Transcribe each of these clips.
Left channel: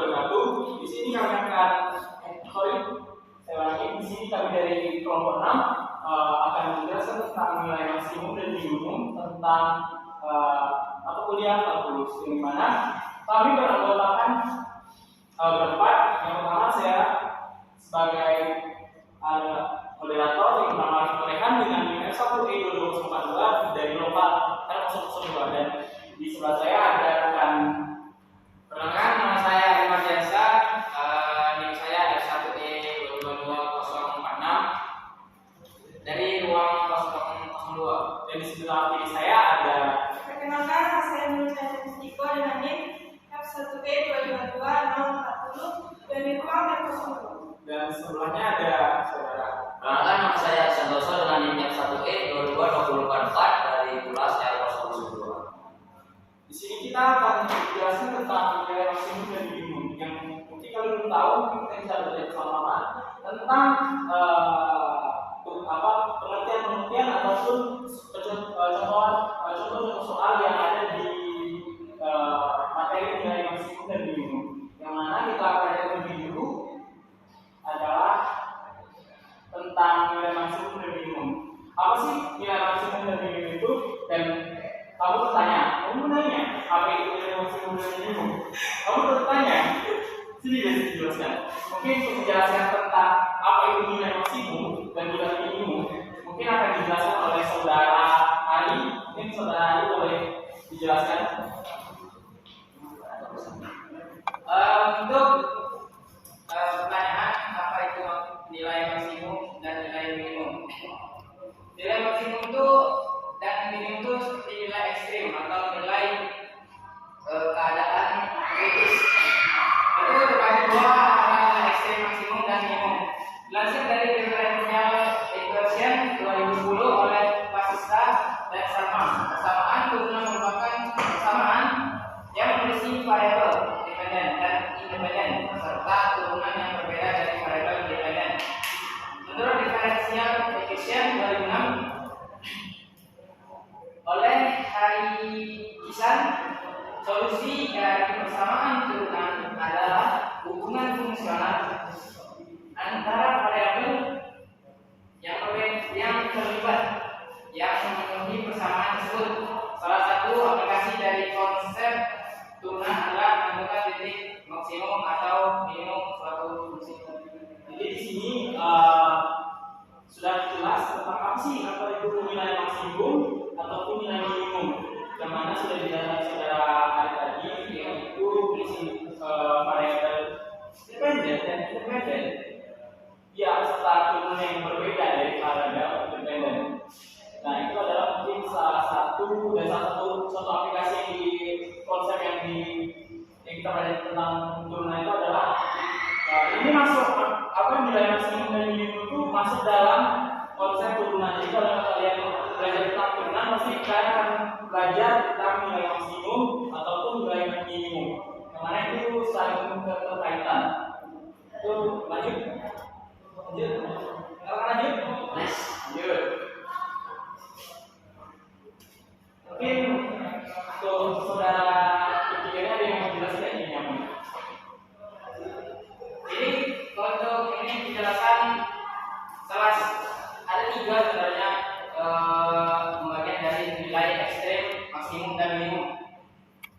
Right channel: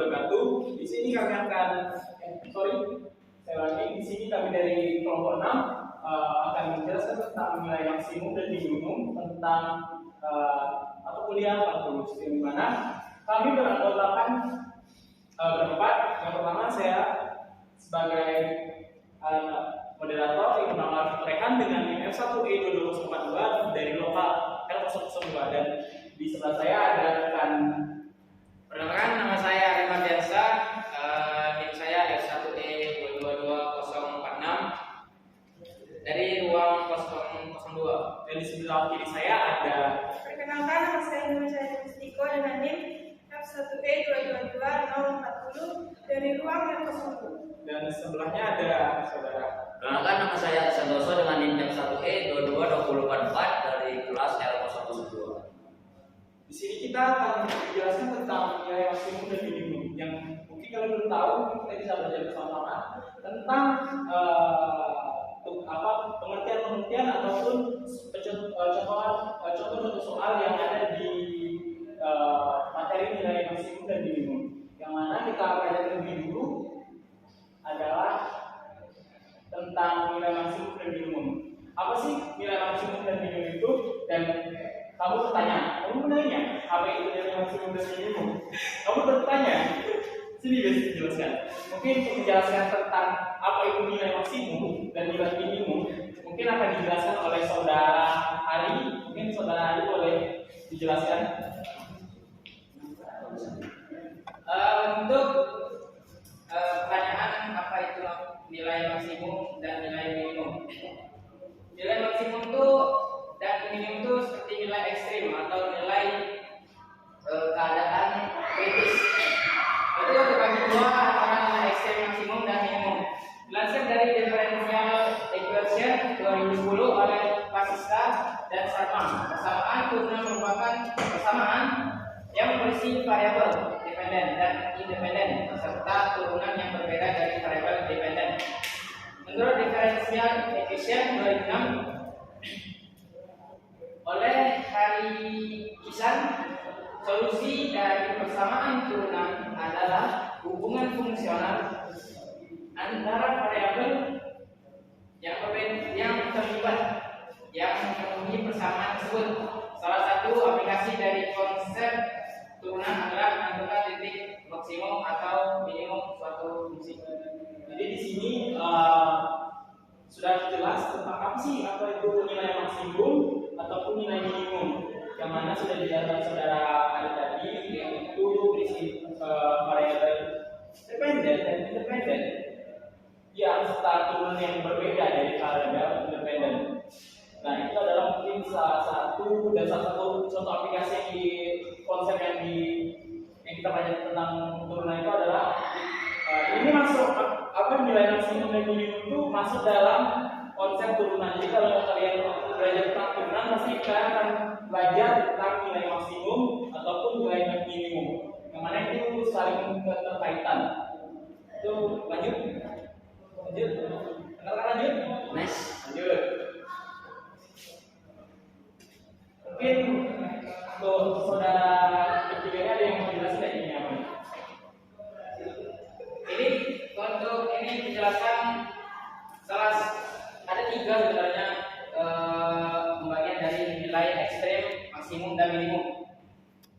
wabarakatuh. Di sini kami akan di sini kami dari kelompok 6 akan menjelaskan tentang nilai maksimum dan minimum tentang mata kuliah kalkulus, yang dimana kami beranggotakan berempat. Yang pertama saya sebagai moderator yang bernama Rehan dengan NIM F1E22042 dari lokal R002, dan di sebelah saya ada rekan. Perkenalkan, nama saya Ari Mardiansyah, NIM saya F1E22046 dari ruang 002. Dan di sebelah kiri saya ada. Perkenalkan, nama saya Nurul Mustiko dengan NIM F1E22240 dari ruang R02. Dan sebelahnya ada saudara. Perkenalkan, nama saya Santoso dengan NIM F1E22244 dari kelas R012. Di sini kita akan menjelaskan tentang nilai maksimum dan minimum yang mungkin kalian belum tahu. Kita bisa belajar bersama-sama tentang pengertian ataupun contoh soal yang ada di materi nilai maksimum dan minimum. Yang mana kita akan lebih dulu adalah tentang nilai maksimum dan minimum. Apa sih nilai maksimum dan minimum itu? Dan kamu bertanya, apa itu nilai maksimum dan minimum? Kamu bertanya, sini guys dijelaskan. Mungkin untuk menjelaskan tentang apa itu nilai maksimum dan nilai minimum, mungkin akan dijelaskan oleh saudara Ari. Mungkin saudara Ari boleh dijelaskan. Untuk pertanyaan apa itu nilai maksimum dan nilai minimum. Nilai maksimum itu dan minimum itu seperti nilai ekstrim atau nilai keadaan kritis. Itu terbagi dua, antara nilai ekstrim maksimum dan minimum. Dilansir dari Differential Equation 2010 oleh Pasiska dan Sarman, persamaan turunan merupakan persamaan yang memiliki variabel dependen dan independen serta turunan yang berbeda dari variabel independen. Menurut Differential Equation 2006 oleh Hari Kisan, solusi dari persamaan turunan adalah hubungan fungsional antara variabel yang terlibat yang memenuhi persamaan tersebut. Salah satu aplikasi dari konsep turunan adalah menentukan titik maksimum atau minimum suatu fungsi. Jadi di sini sudah jelas tentang apa itu nilai maksimum ataupun nilai minimum, yang mana sudah dijelaskan saudara Ari tadi, yaitu berisi variabel dependen dan independen yang serta turunan yang berbeda dari variabel independen. Nah, itu adalah mungkin salah satu contoh aplikasi yang di konsep yang kita pelajari tentang turunan itu adalah ini masuk nilai maksimum dan minimum itu masuk dalam konsep turunan. Jadi kalau kalian belajar tentang turunan, pasti kalian akan belajar tentang nilai maksimum ataupun nilai minimum, yang mana itu saling terkaitan. Itu lanjut. Lanjut. Mungkin untuk saudara berpikirnya ada yang mau jelaskan ini apa? Jadi untuk ini penjelasan ada tiga sebenarnya pembagian dari nilai ekstrem, maksimum dan minimum.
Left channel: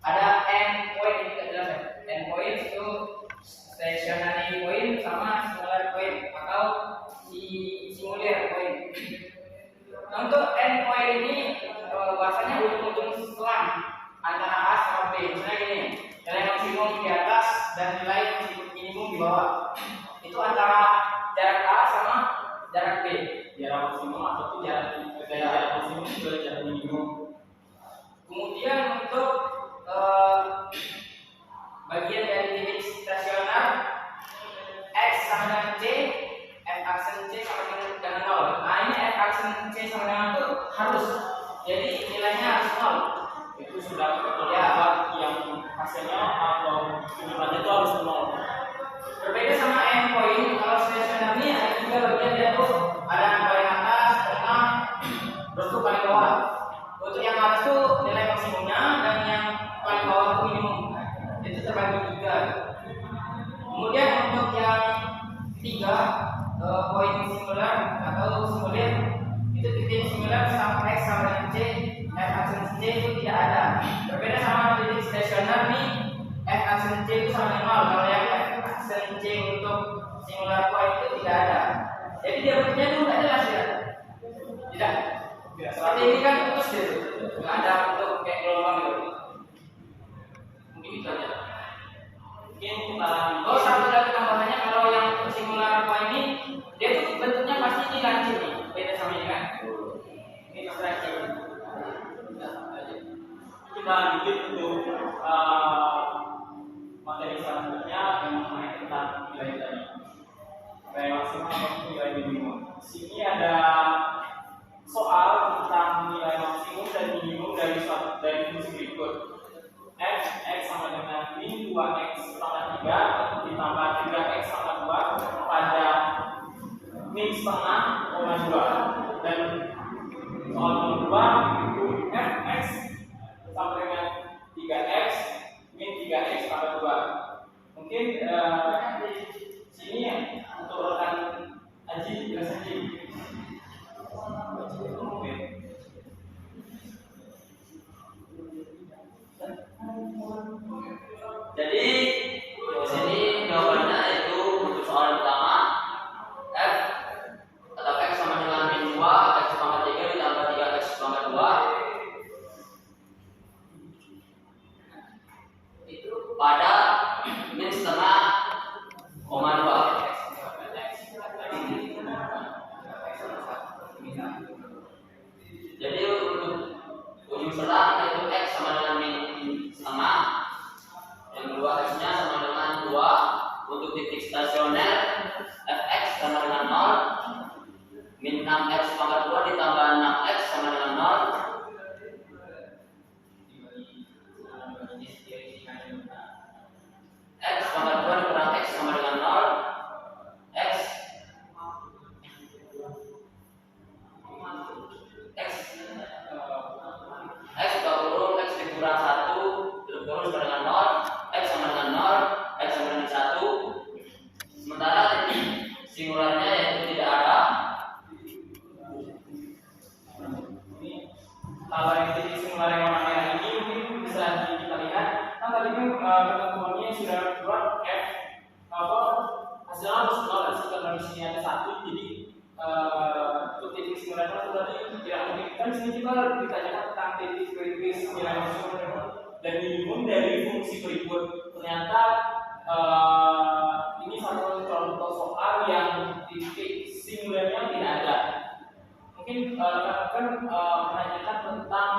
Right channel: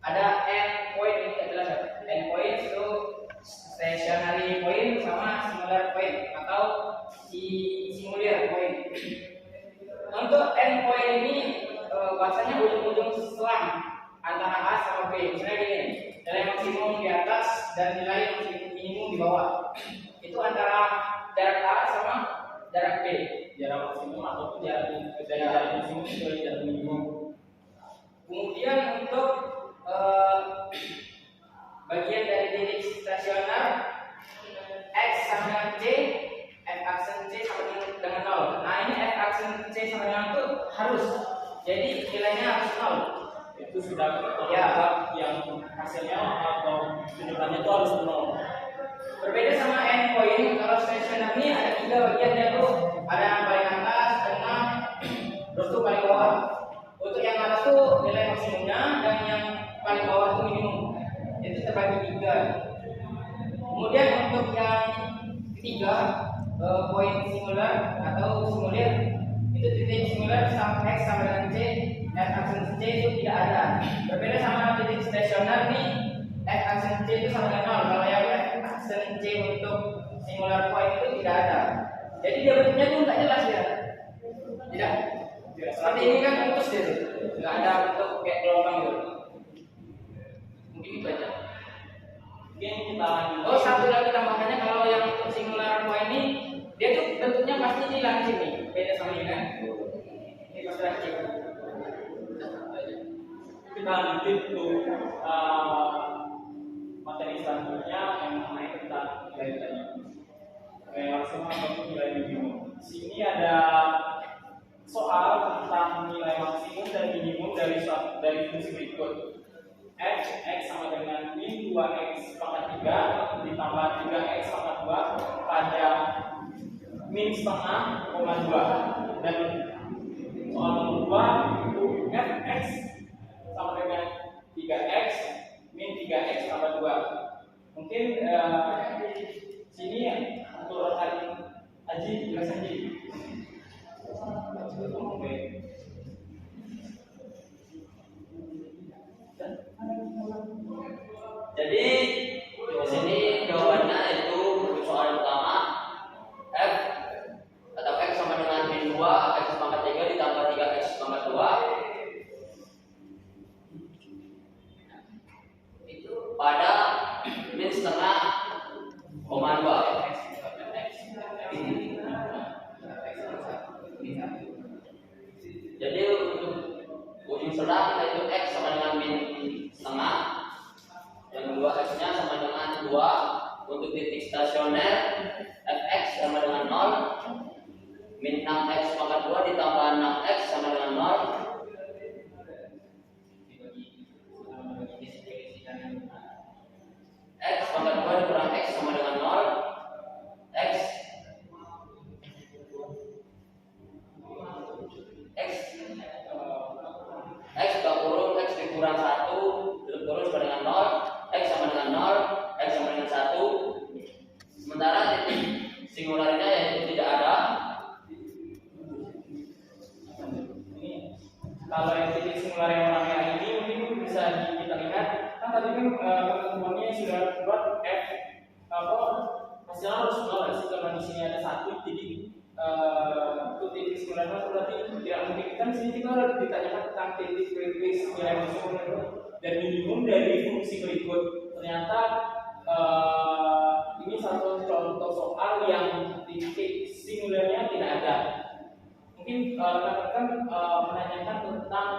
Ada endpoint, ini kita jelas ya. Endpoint itu stationary point sama singular point atau singular point. Nah, untuk endpoint ini bahasanya ujung-ujung selang antara A sama B. Misalnya gini, nilai maksimum di atas dan nilai minimum di bawah. Itu antara jarak A sama jarak B. Jarak maksimum ataupun jarak maksimum ke jarak minimum. Kemudian untuk bagian dari titik stasioner X sama C, F aksen C sama dengan 0. Nah, ini F aksen C sama dengan itu harus, jadi nilainya harus 0. Itu sudah terlihat yang hasilnya atau tujuannya itu harus 0. Berbeda sama endpoint, kalau stasioner ini ada tiga bagian, yaitu ada yang paling atas, tengah, terus tuh paling bawah. Untuk yang atas tuh nilai maksimumnya dan yang paling bawah itu minimum. Itu terbagi tiga. Kemudian untuk yang ketiga, poin singular atau simulir itu titik singular sampai X sama dengan C, F aksen C itu tidak ada. Berbeda sama titik stasioner nih, F aksen C itu sama dengan 0. Kalau yang F aksen C untuk singular point itu tidak ada. Jadi dia bentuknya itu nggak jelas ya. Tidak. Seperti ini kan putus gitu, nggak ada bentuk kayak gelombang gitu. Mungkin itu aja. Mungkin kita lanjut. Oh, satu lagi tambahannya, kalau yang untuk singular point ini dia tuh bentuknya pasti ini lancip nih, beda sama ini kan. Ini pasti lancip. Kita lanjut untuk materi selanjutnya yang mengenai tentang nilai tadi. Nilai maksimal maupun nilai minimum. Di sini ada soal tentang nilai maksimum dan minimum dari fungsi berikut. X sama dengan min 2x pangkat 3 ditambah 3x pangkat 2 pada min setengah, 2. Dan soal nomor 2 fx sama dengan 3x min 3x tambah 2. Mungkin sini ya untuk rekan Aji jelas Aji. Jadi di sini jawabannya itu untuk soal pertama f atau x sama dengan min 2 x pangkat 3 ditambah 3x pangkat 2 itu pada min setengah, 2. Jadi untuk ujung selang yaitu x sama dengan min setengah, yang kedua x nya sama dengan 2. Untuk titik stasioner fx sama dengan 0, min 6x pangkat 2 ditambah 6x sama dengan 0. X pangkat 2 dikurang x sama dengan 0. X kita kurung, x dikurang 1 tutup kurung sama dengan 0, x sama dengan 0, x sama dengan 1. Sementara titik singularnya yaitu tidak ada. Ini kalau yang titik singular yang warna merah ini mungkin bisa kita lihat kan tadi kan ketentuannya sudah keluar f hasilnya harus 0 karena di sini ada 1, jadi untuk titik singularnya itu berarti tidak mungkin. Kan di sini kita ditanyakan tentang titik kritis nilai maksimum dan minimum dari fungsi berikut. Ternyata ini satu contoh soal yang titik singularnya tidak ada. Mungkin rekan-rekan menanyakan tentang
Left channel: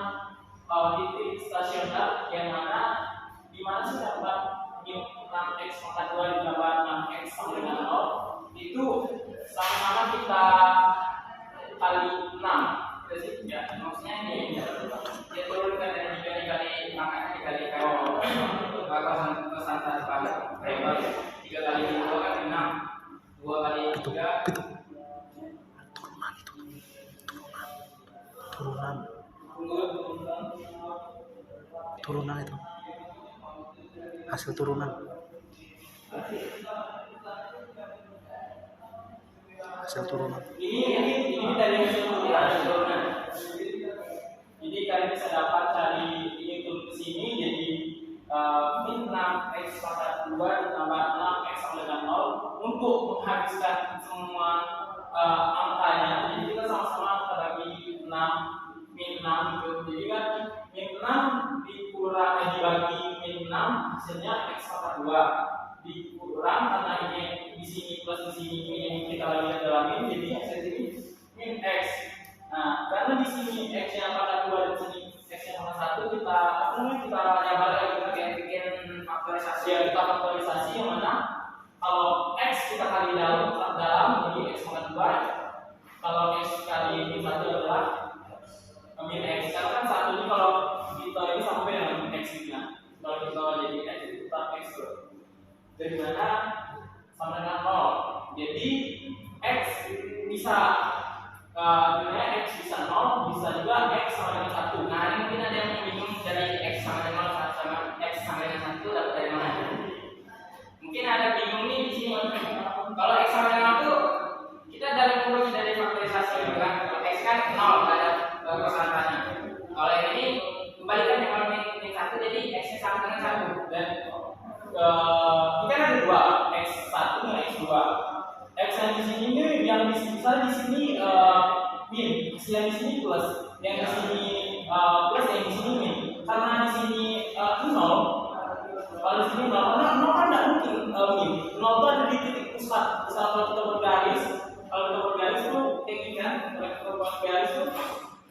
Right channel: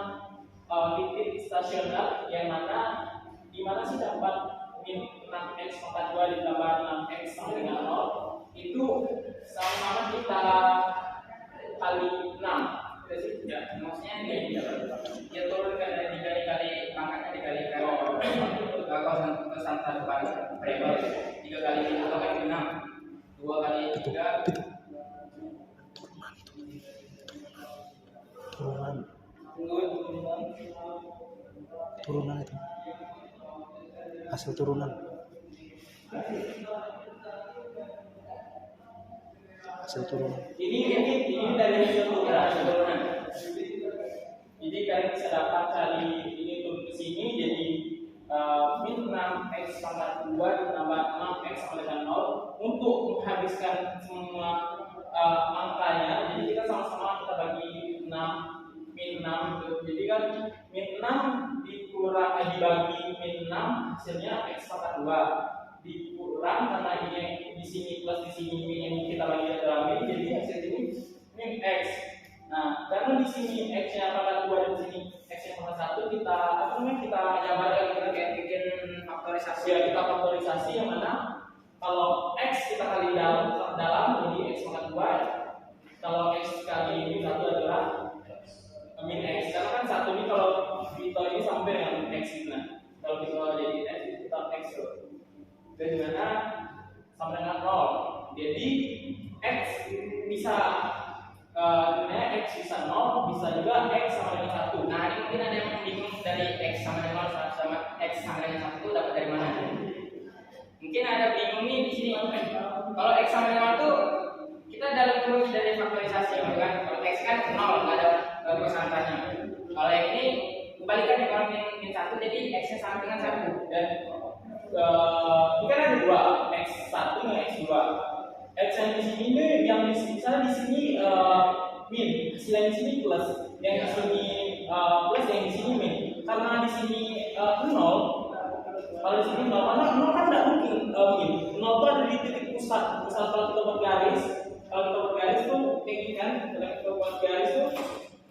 titik stasioner yang mana di mana sih dapat min 6x pangkat 2 ditambah 6x sama dengan 0 itu sama-sama kita kali 6. Kita sih ya, maksudnya ini Dia turunkan dari 3 dikali angkanya dikali kalau kosan satu kali berapa? 3 kali 2 kan 6, 2 kali 3 turunan itu hasil turunan ini dari hasil turunan. Jadi kalian bisa dapat cari ini turun ke sini jadi min 6x pangkat 2 ditambah 6x sama dengan 0 untuk menghabiskan semua angkanya. Jadi kita sama-sama kita bagi 6 min 6 itu. Jadi kan min 6 dibagi min 6 hasilnya x pangkat 2 dikurang karena ini di sini plus di sini min yang kita bagi adalah min, jadi hasil ini min x. Nah, karena di sini x nya pangkat 2 dan sini x nya pangkat 1 kita jabarkan kita kayak bikin faktorisasi. Ya, kita faktorisasi yang mana kalau x kita kali dalam jadi x pangkat 2. Kalau x kali min 1 adalah min x. Karena kan 1 ini kalau kita ini sampai dengan x gitu. Nah, kalau kita jadi x itu tetap x dari mana sama dengan 0. Jadi x bisa x bisa 0, bisa juga x sama dengan 1. Nah, ini mungkin ada yang bingung dari x sama dengan 0 sama x sama dengan 1 dapat dari mana? Mungkin ada bingung nih di sini kalau X sama dengan 0 tuh kita dalam kurung dari faktorisasi gitu kan. Kalau X kan 0 nggak ada konstantanya. Kalau yang ini kebalikannya, kalau min 1 jadi X-nya sama dengan 1. Dan ini kan ada dua, X1 dengan X2. X yang di sini ini, yang di sini, misalnya di sini min, yang di sini plus, yang di sini plus, yang di sini min. Karena di sini 0, kalau di sini 0, karena 0 kan tidak mungkin min. 0 itu ada di titik pusat. Misal kalau kita buat garis, tuh kayak gini kan, kalau kita buat garis tuh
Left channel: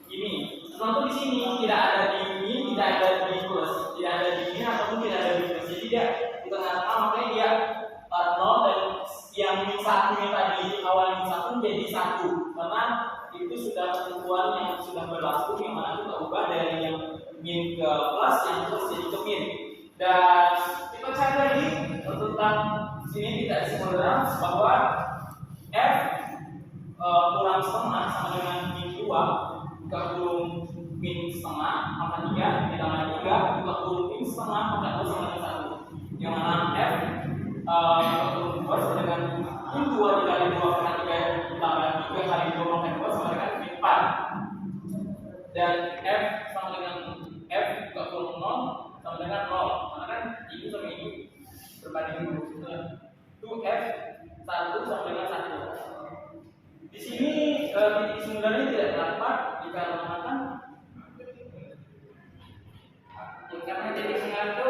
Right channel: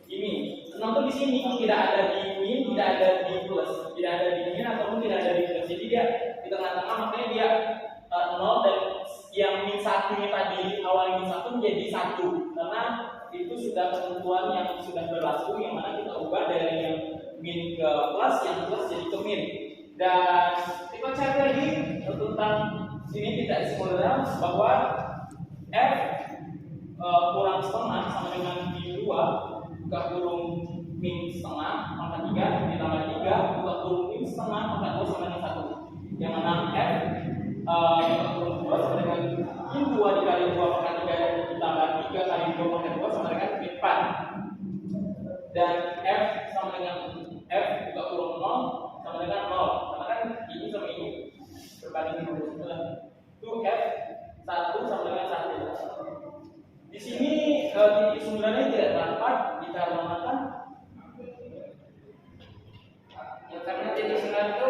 ini. 0 itu di sini, tidak ada di min, tidak ada di plus, tidak ada di min ataupun tidak ada di plus. Jadi dia di tengah-tengah, makanya dia 0 dan yang min 1 nya tadi awal min 1 menjadi 1 karena itu sudah ketentuan yang sudah berlaku, yang mana kita ubah dari yang min ke plus, yang plus jadi ke min. Dan kita cari lagi tentang sini tidak disimulir bahwa f kurang setengah sama dengan min 2 buka kurung min setengah pangkat 3 ditambah 3 buka kurung min setengah pangkat 2 sama dengan 1, yang mana f buka kurung 2 sama dengan min 2 dikali 2 pangkat 3 ditambah 3 kali 2 pangkat 2 sama dengan min 4, dan f sama dengan f buka kurung 0 sama dengan 0 karena kan ini sama ini berbanding lurus itu f 1 sama dengan 1. Di sini titik sembilannya tidak dapat dikarenakan karena titik 9 itu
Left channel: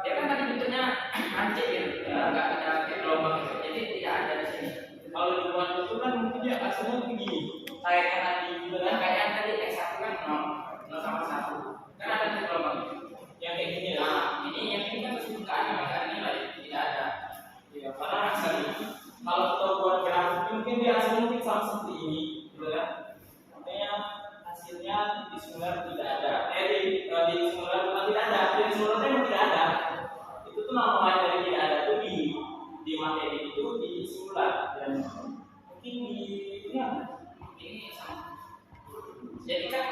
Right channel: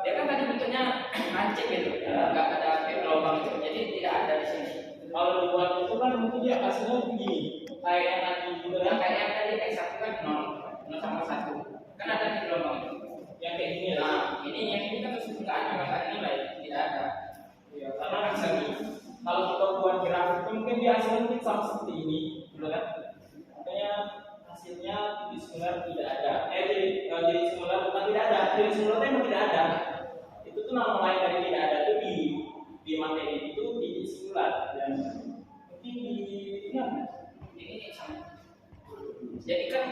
dia kan tadi bentuknya hancur gitu, nggak ada gelombang gitu, jadi tidak ada di sini. kalau dibuat itu kan mungkin dia hasilnya begini kayaknya nanti gitu kan, Kayak yang tadi X1 kan 0 sama 1 kan ada di gelombang itu. yang kayak gini lah. Nah, yang ini kan terus nggak ada nilai, tidak ada. Ya, karena hasil kalau kita buat grafik mungkin dia hasilnya mungkin sama seperti ini, gitu kan? Makanya hasilnya titik singular tidak ada. Titik singular bukan tidak ada, titik singular memang tidak ada. Itu tuh nama lain dari tidak ada tuh di materi itu titik singular dan mungkin di Ini sama. Jadi kan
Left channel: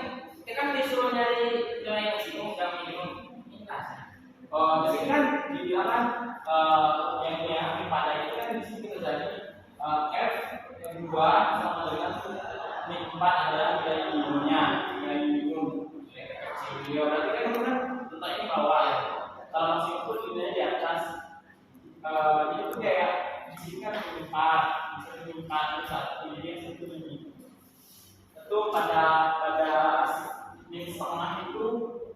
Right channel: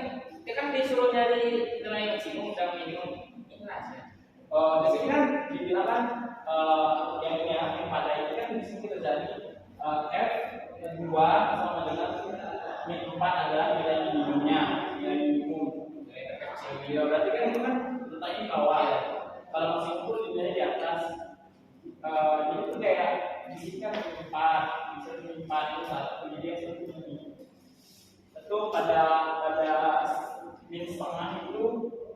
dia kan disuruh nyari nilai maksimum dan minimum. Inilah. di sini kan dibilang kan yang ini ya, yang pada itu kan di sini kita jadi f yang 2 sama dengan min 4 adalah nilai minimumnya, nilai minimum. Ya berarti kan itu kan letaknya di bawah ya. Kalau maksimum pun nilainya di atas. Jadi itu kayak di sini kan min 4, bisa min 4 itu 1, jadi yang satu ini. Tentu pada min setengah itu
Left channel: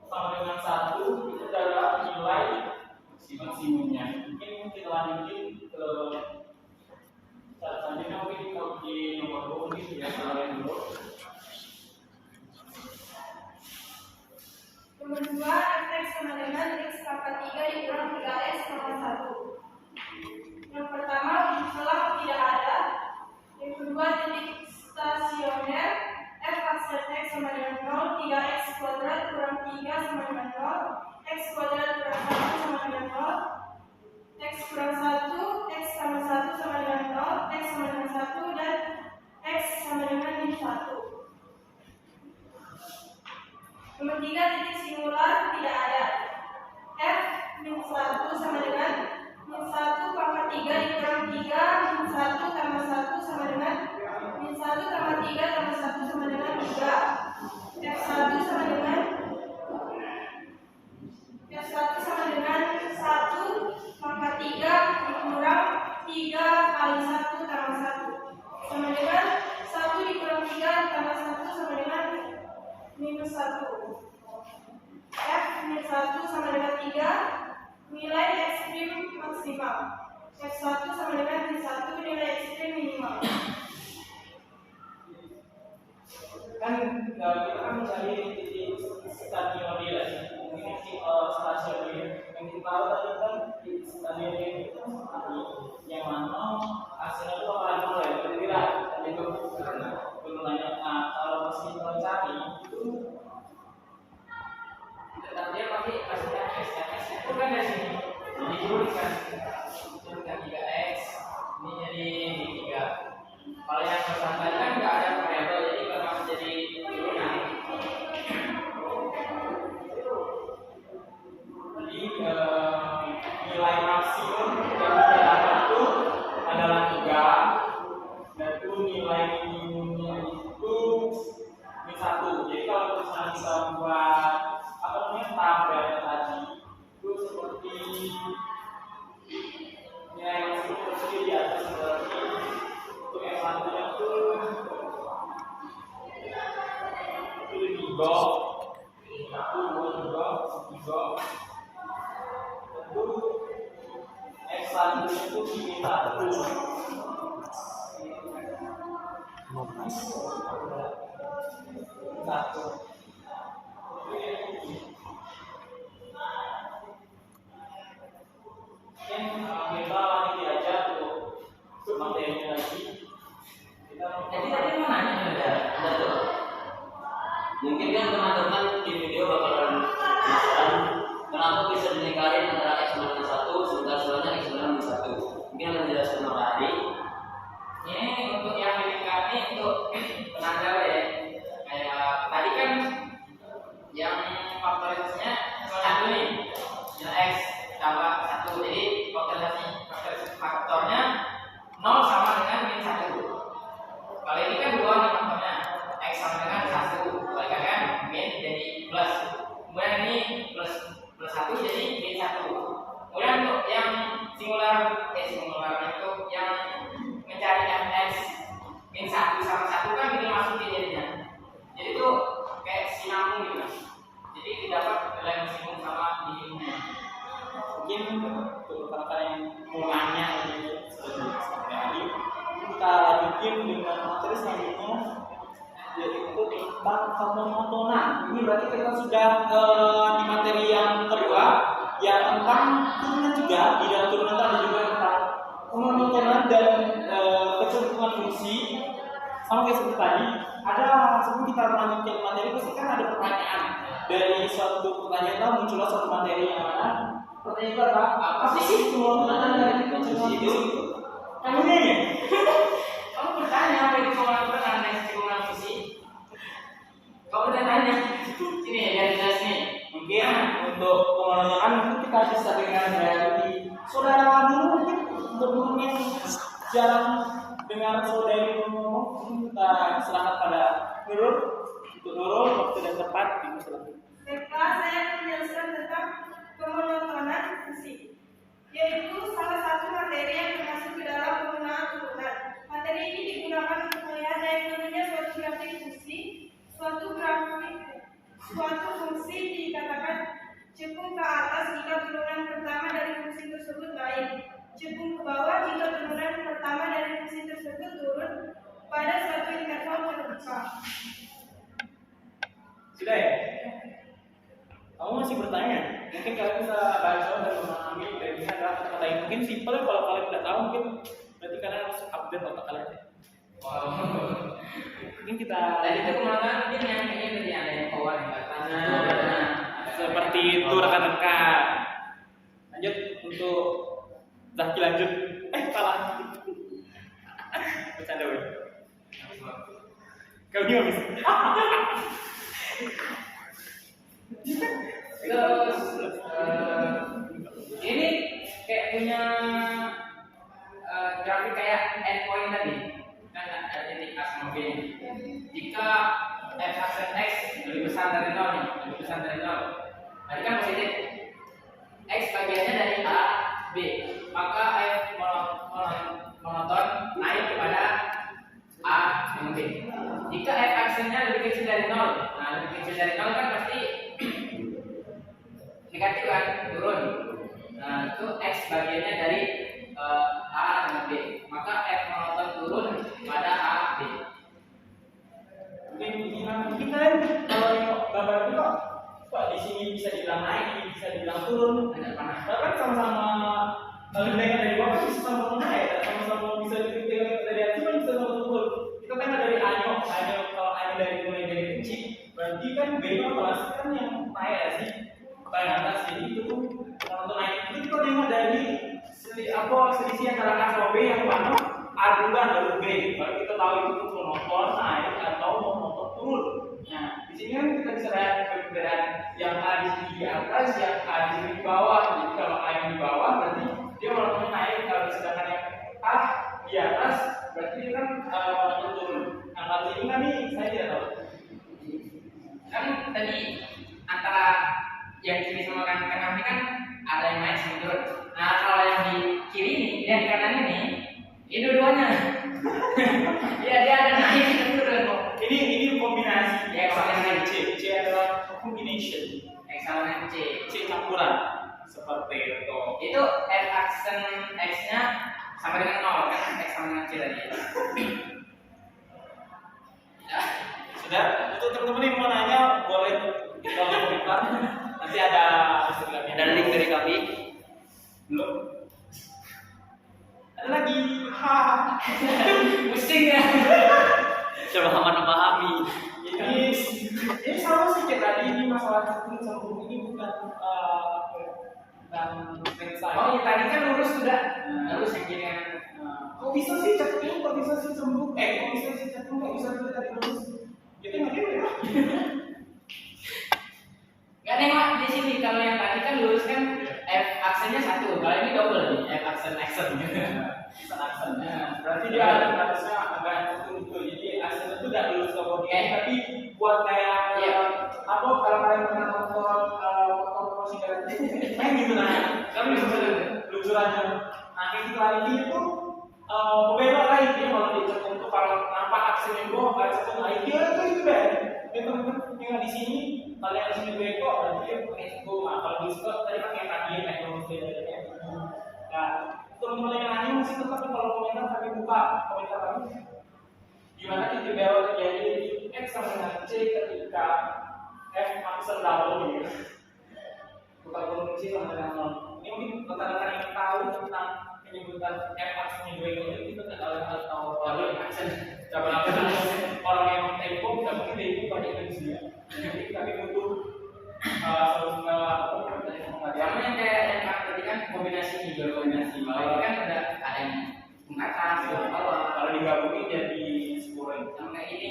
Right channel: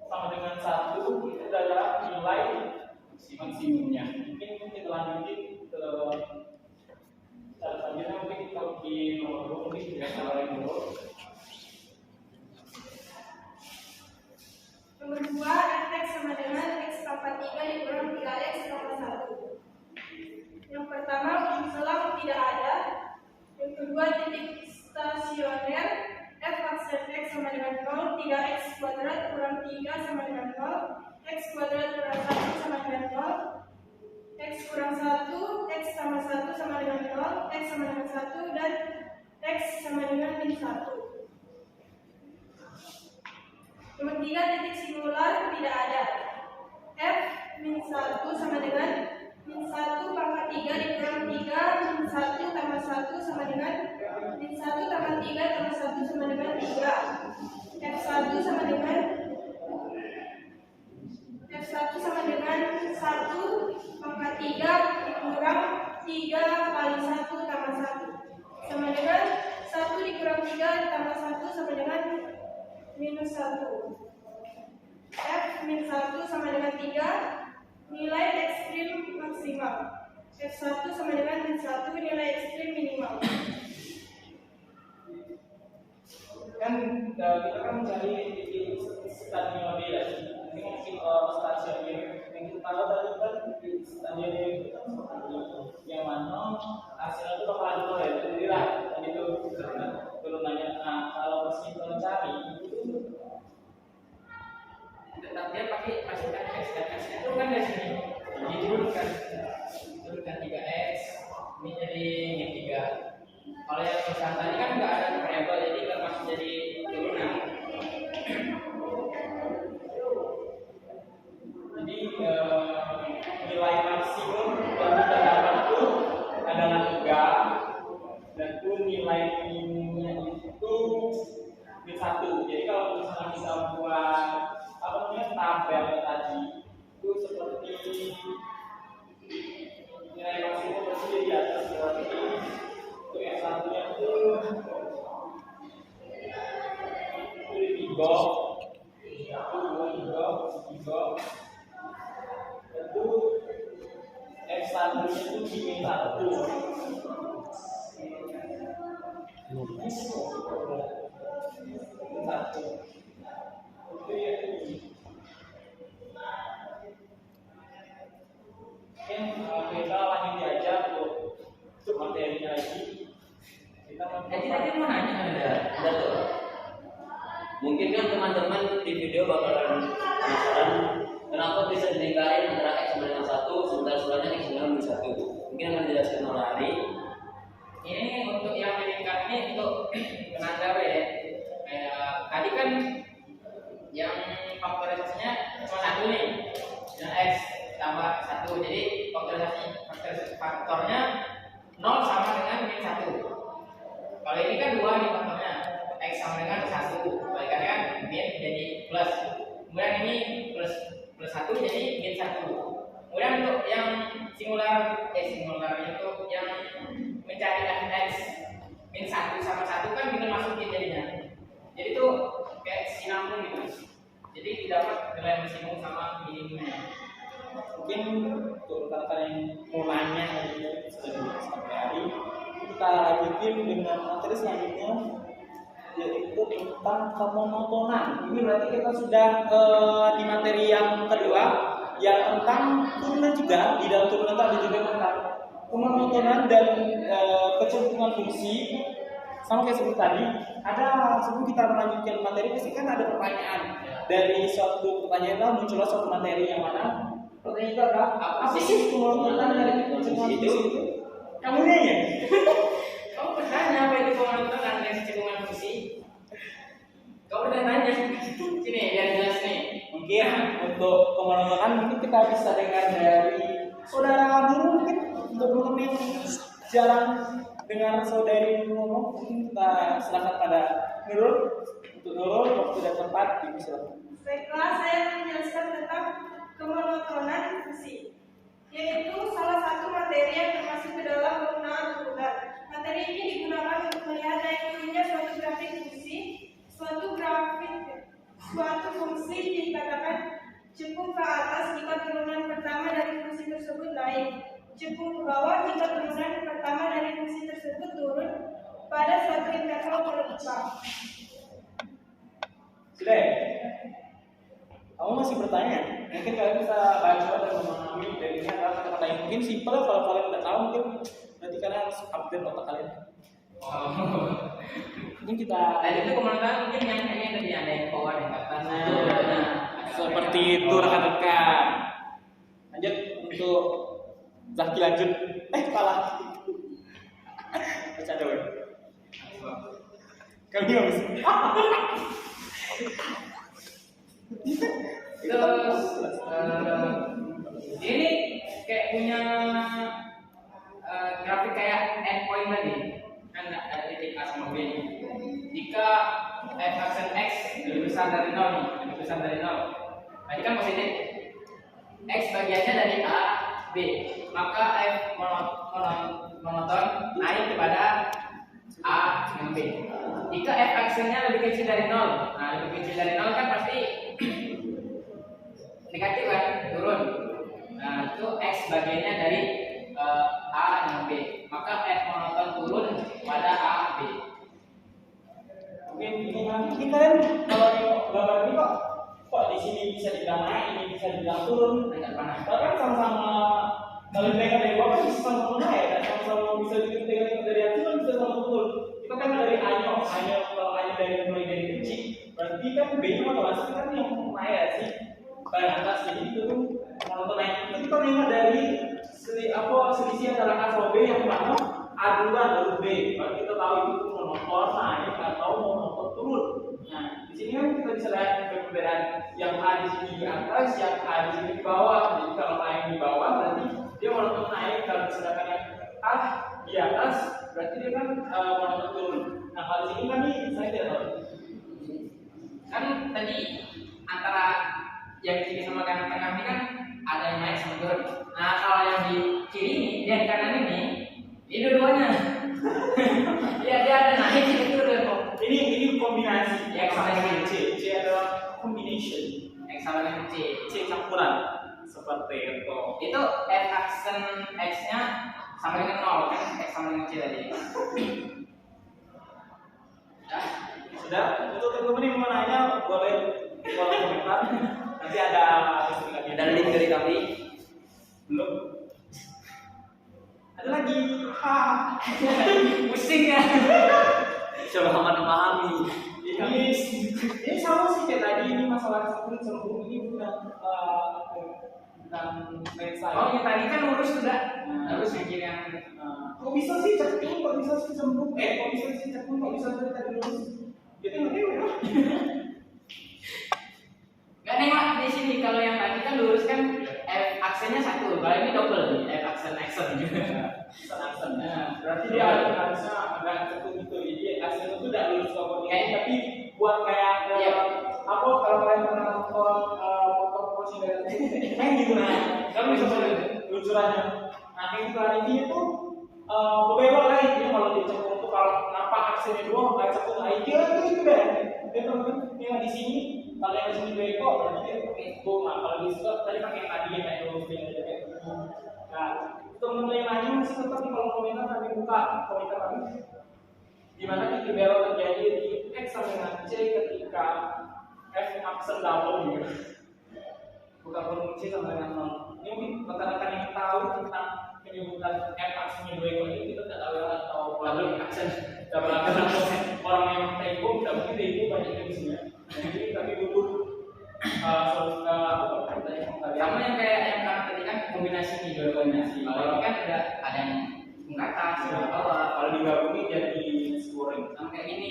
sama dengan 1 itu adalah nilai maksimumnya. Mungkin kita lanjutin ke cara selanjutnya, mungkin kalau di nomor 2 mungkin tidak salah yang dulu. Nomor 2, fx sama dengan x pangkat 3 dikurang 3x tambah 1. Yang pertama, ujung selang tidak ada. Yang kedua, titik stasioner f aksen x sama dengan 0, 3x kuadrat kurang 3 sama dengan 0, x kuadrat kurang 1 sama dengan 0, x kurang 1, x tambah 1 sama dengan 0, x sama dengan 1, dan x sama dengan min 1. Nomor 3, titik singular tidak ada. F min 1 sama dengan min 1 pangkat 3 dikurang 3 min 1 tambah 1 sama dengan min 1 tambah 3 tambah 1 sama dengan 3. F1 sama dengan 1 pangkat 3 dikurang 3 kali 1 tambah 1 sama dengan 1 dikurang 3 tambah 1 sama dengan minus 1. F min 1 sama dengan 3, nilai ekstrim maksimal. F1 sama dengan min 1, nilai ekstrim minimal. Kan kita kan mencari titik stadion ya. Ini kan stasiun yang kita tahu tadi kan di stadion itu kan seperti yang mana hasilnya itu bakalan nol ya. Jadi lah tadi itu turunannya. Nah kalau masih mencari itu Tetap dia pakai masukan x dan x itu kan dari sini diturunkan 3x ini jadi 3. Kalau yang pesan tadi kan nggak ada variabel, jadi nggak masuk jadi turunan. jadi nilai maksimum yang kita dapat itu nilai minimumnya itu -1. Jadi kalau misalnya kita buat apa namanya tabel tadi itu seperti nilai maksimum tersebut di atas berarti untuk yang satunya itu 3, 1, 2, 3, tentu X1 itu diminta 15. satu. Mungkin kita lanjut diajak untuk materinya lagi. Jadi tadi mau nanya Ada tuh. Mungkin kan teman-teman di video bakalan penasaran kenapa bisa dilingkarin antara X sama dengan 1 sementara sebenarnya X sama dengan 1. Mungkin akan dijelaskan oleh Adi. ini untuk yang meningkat ini untuk penanda ya. Kayak tadi kan yang faktorisasinya cuma 1 nih. Nah, X tambah 1. Jadi faktornya 0 sama dengan -1. Kalau ini kan 2 nih faktornya. X sama dengan 1. Kalikannya kan min jadi plus. Kemudian ini plus 1 jadi -1. Kemudian untuk yang singularnya itu yang mencari fx -1 sama 1 kan ini masukin jadinya. Jadi itu kayak sinambung gitu. Jadi didapat nilai maksimum sama minimumnya. Mungkin untuk rekan-rekan yang mulanya ini sudah sampai hari kita lanjutin dengan materi selanjutnya yaitu tentang pemonotonan. Ini berarti kita sudah di materi yang kedua ya tentang turunan juga. Di dalam turunan itu ada juga tentang pemonotonan dan kecenderungan fungsi. Sama kayak seperti tadi, ada sebelum kita melanjutkan materi pasti kan ada pertanyaan. Dari suatu pertanyaan muncullah suatu materi yang mana pertanyaan itu adalah apa sih pemonotonan dan kecenderungan fungsi itu? Kamu nanya? Kamu bertanya apa itu pemonotonan dan kecenderungan fungsi? Kamu udah nanya. Sini biar jelas nih. Mungkin untuk pemonotonan mungkin kita bisa dengar dari saudara dulu mungkin untuk teman yang jarang dengar saudari ngomong kita serahkan pada Nurul. Untuk Nurul waktu dan tempat dipersilakan. Baiklah, saya akan menjelaskan tentang kemonotonan fungsi, yaitu salah satu materi yang termasuk ke dalam penggunaan turunan. Materi ini digunakan untuk melihat naik turunnya suatu grafik fungsi. Suatu fungsi dikatakan cekung ke atas jika turunan pertama dari fungsi tersebut naik, cekung ke bawah jika turunan pertama dari fungsi tersebut turun pada suatu interval terdekat. Sudah ya? Kamu masih bertanya? Mungkin kalian bisa baca dan memahami dari ini adalah kata-kata yang mungkin simpel ya. Kalau kalian tidak tahu mungkin berarti kalian harus update otak kalian. Wow. Mungkin kita Tadi itu kemonotonan mungkin yang kayaknya tadi ada yang power yang atas. seperti itu rekan-rekan. Lanjut untuk Zaki lanjut. Salah. Bercanda weh. Kami nggak bisa. Terus ini kayak punya grafik kayak endpoint tadi kan ada titik A sama B nih. Jika f aksen x lebih besar dari 0 nih, lebih besar dari 0 berarti kan positif. X bagiannya dari A B, maka f monoton naik kepada A dengan B. Jika f aksennya lebih kecil dari 0, nah lebih kecil dari 0 kan pasti negatif kan, turun. Nah itu x bagiannya dari A dengan B, maka f monoton turun pada A B. Ini kalian kalau nengok gambar ini kok di sini bisa dibilang naik, ini bisa dibilang turun. Tidak panas. Tapi kan sama-sama kalau tengok dari bawah kan bisa sama-sama naik, dan sama-sama bisa ditengok dari atas kan bisa sama-sama turun. Kita tengok dari A-nya, kalau A-nya dari mulai dari kecil, berarti kan B-nya otomatis kan yang naik ya sih, paling atas. Jadi itu tuh monoton naik. Itu kita tengok dari selisih antara A sama B yang mana A duluan baru B, baru kita tahu itu tuh monoton naik atau monoton turun. Nah, di sini kan kita bisa lihat perbedaan yang A di sini di atas, yang A di sini di bawah. Jadi kalau A yang di bawah berarti dia monoton naik, kalau sedangkan yang A di atas berarti dia kan monoton turun. Kalau di sini kami saya tidak tahu. Kan tadi antara yang kiri sama yang tengah ini kan ada yang naik sama turun. Nah kalau yang di kiri ini dan kanan ini dua-duanya. Iya dia ada naik ada turun kok. Ini kombinasi. Ya, kombinasi. C adalah combination. X sama dengan C. C campuran seperti itu. Itu F aksen X-nya sama dengan 0 kan X sama dengan C tadi. Ya. Sudah, untuk teman-teman yang mau nanya boleh di kolom komentar. Nanti ada Instagramnya. Dan link dari kami. Belum. Ada lagi. Ha. Pusing ya. Coba memahami. Ini sama sih kayak tadi, ini masalah sempurna ini bukan right side. Oh yang tadi kan lurus sudah. Lurus yang kiri yang Kok bisa sih cekung, kok bisa sih cembung, kok bisa sih cekung, kok bisa juga tadi lurus. Kita nggak ya? nggak nengok di sini kalau yang tadi kan lurus kan F aksennya satu, kalau ini double nih F aksen gitu. Aksen. Berarti dia harusnya agak cekung gitu. Jadi aksen itu tidak lurus ke body, tapi buat kayak apa kalau kalian pernah nonton motor Porsche dari main gitu nah, kamu bisa baca luncurannya. Nah yang iklan ini itu berbelok lagi dia kalau di cekung itu kalau nampak aksennya dua nggak cekung lagi dia itu deh. Dia teman-teman yang di sini kalau yang di sini dua ekor berarti dia pakai cekung. Nah kalau di situ tadi pakai tadi ya kayak lurus dia kayak cekung. Nah teman-teman yang lainnya masih tetap di kolom komentar kami buka komentar kami. Gimana titik belok terjadi di X sama dengan C ketika F aksen double gitu. Buka kolom C sama dengan 0. Ini mungkin rekan-rekan yang tahu tentang penyebutan F aksen dua ekor ini kita tidak tahu atau lalu aksen double aksen orang yang tempo tidak mungkin dari itu banyak di sini ya. Jadi kami butuh sama yang kayak yang kami tadi kan kombinasi nih dua kombinasi. Kalau ini kan ada yang ke atas, ke bawah. Kalau digabungin jadi scoring. Sama kayak gini,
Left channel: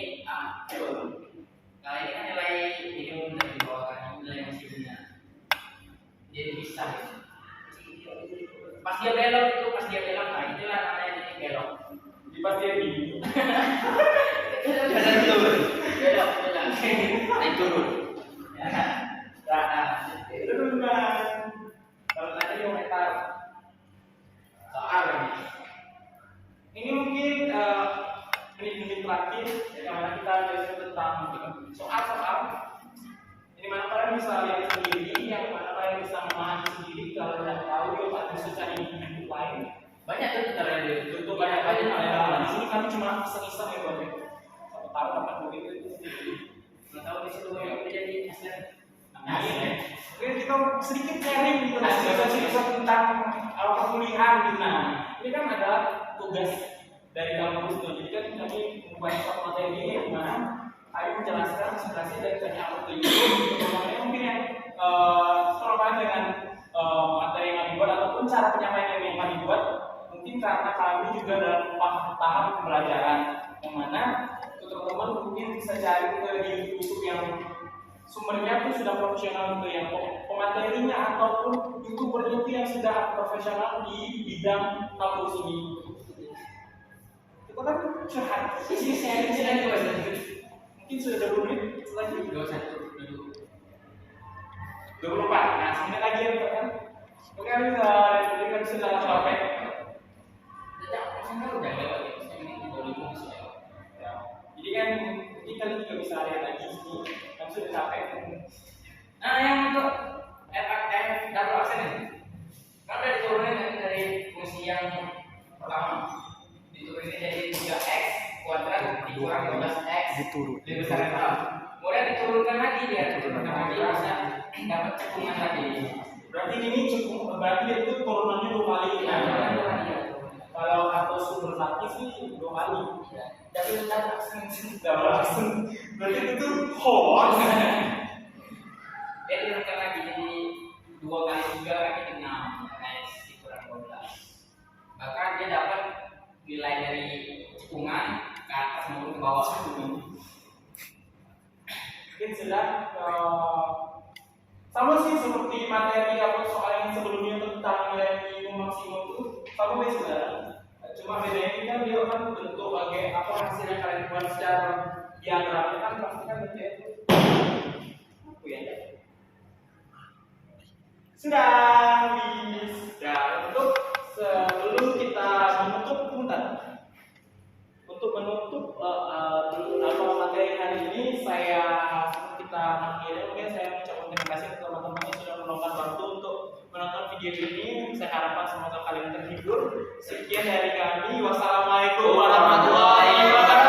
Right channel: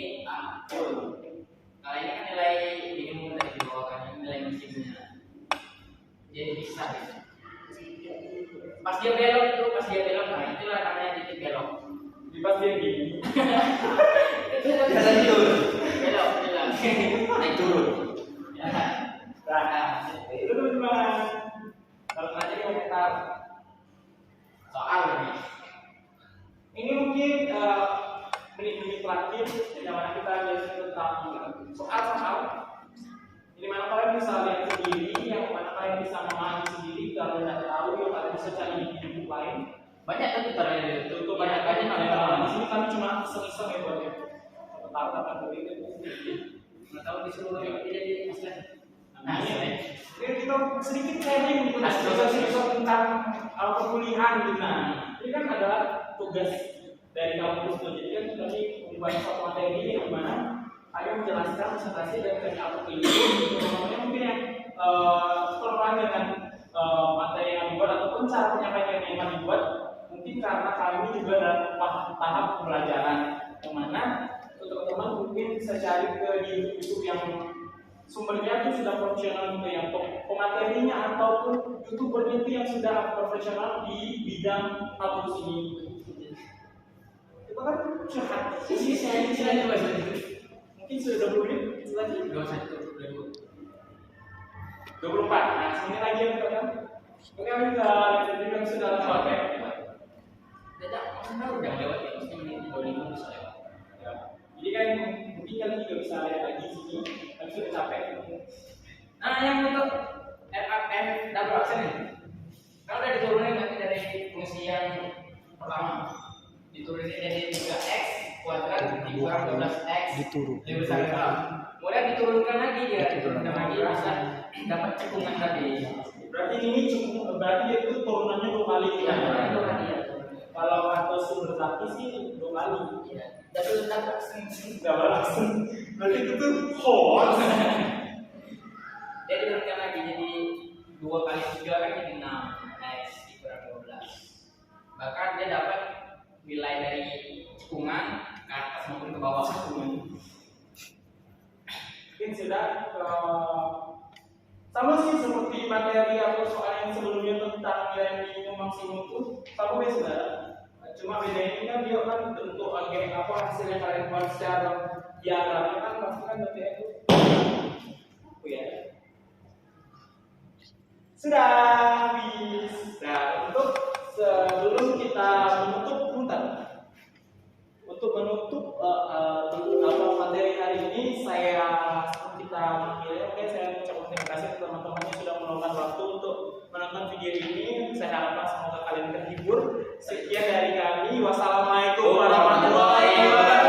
kalau ini kan nilai minimum dari di bawah kan, ini nilai maksimumnya. Jadi bisa gitu. Pas dia belok, nah itulah namanya titik belok. Di pas dia gini. Biasa turun. Belok, naik turun. Nah, itu teman-teman. Kalau nanti komentar Soal ini. ini mungkin menit-menit terakhir yang mana kita belajar tentang soal-soal. Di mana kalian bisa lihat sendiri, yang mana kalian bisa memahami sendiri. Kalau tidak tahu, ya kalian bisa cari di buku lain. Banyak tuh caranya di Itu banyak di sini kami cuma iseng-iseng ya buat siapa tahu dapat duit itu. nggak tahu disuruh yang jadi aslen. Oke, kita sedikit sharing gitu mas, bisa tentang perkuliahan gitu. Nah, ini kan ada tugas dari kampus tuh. Jadi kan kami membuat suatu materi yang mana kami menjelaskan presentasi dan teknik apa itu. Makanya mungkin yang terkait dengan materi yang dibuat ataupun cara penyampaian yang kami buat, mungkin karena kami juga dalam tahap pembelajaran yang mana teman-teman mungkin bisa cari ke di YouTube yang sumbernya itu sudah profesional gitu, yang pematerinya ataupun youtubernya itu yang sudah profesional di bidang kampus ini. Kita kan curhat. Sini saya juga Mungkin sudah 20 menit lagi. 24. Nah, sebentar lagi ya kita kan. Oke, kami sudah capek. Udah lewat ya, maksudnya menit 25 bisa lewat. Ya. Jadi kan mungkin kalian juga bisa lihat lagi sini. Kami sudah capek. Nah, yang untuk double aksen ini, kalau udah diturunin nanti dari fungsi yang pertama, diturunin jadi 3x kuadrat dikurang 12x lebih besar dari 0. Kemudian diturunkan lagi dia, diturunkan lagi bisa dapat cekungan tadi. Berarti ini cukup, berarti itu turunannya 2 kali. Ya, turunannya 2 kali ya. Kalau atau sumber lagi sih 2 kali. Iya. Double aksen. Double aksen. Berarti itu tuh hoax. Dia turunkan lagi jadi 2 kali 3 kan jadi 6x dikurang 12. Bahkan dia dapat nilai dari cekungan ke atas maupun ke bawah. Mungkin sudah sama sih seperti materi atau soal yang sebelumnya tentang nilai minimum maksimum itu sama sih sebenarnya. Cuma bedanya ini kan dia kan bentuk agak apa hasil yang kalian buat secara diagramnya kan pasti kan bentuknya itu ya. Sudah habis. Nah, untuk sebelum kita menutup untuk menutup materi hari ini kita akhiri. Oke, saya mengucapkan terima kasih kepada teman-teman yang sudah meluangkan waktu untuk menonton video ini. Saya harapkan semoga kalian terhibur. Sekian dari kami. Wassalamualaikum warahmatullahi wabarakatuh.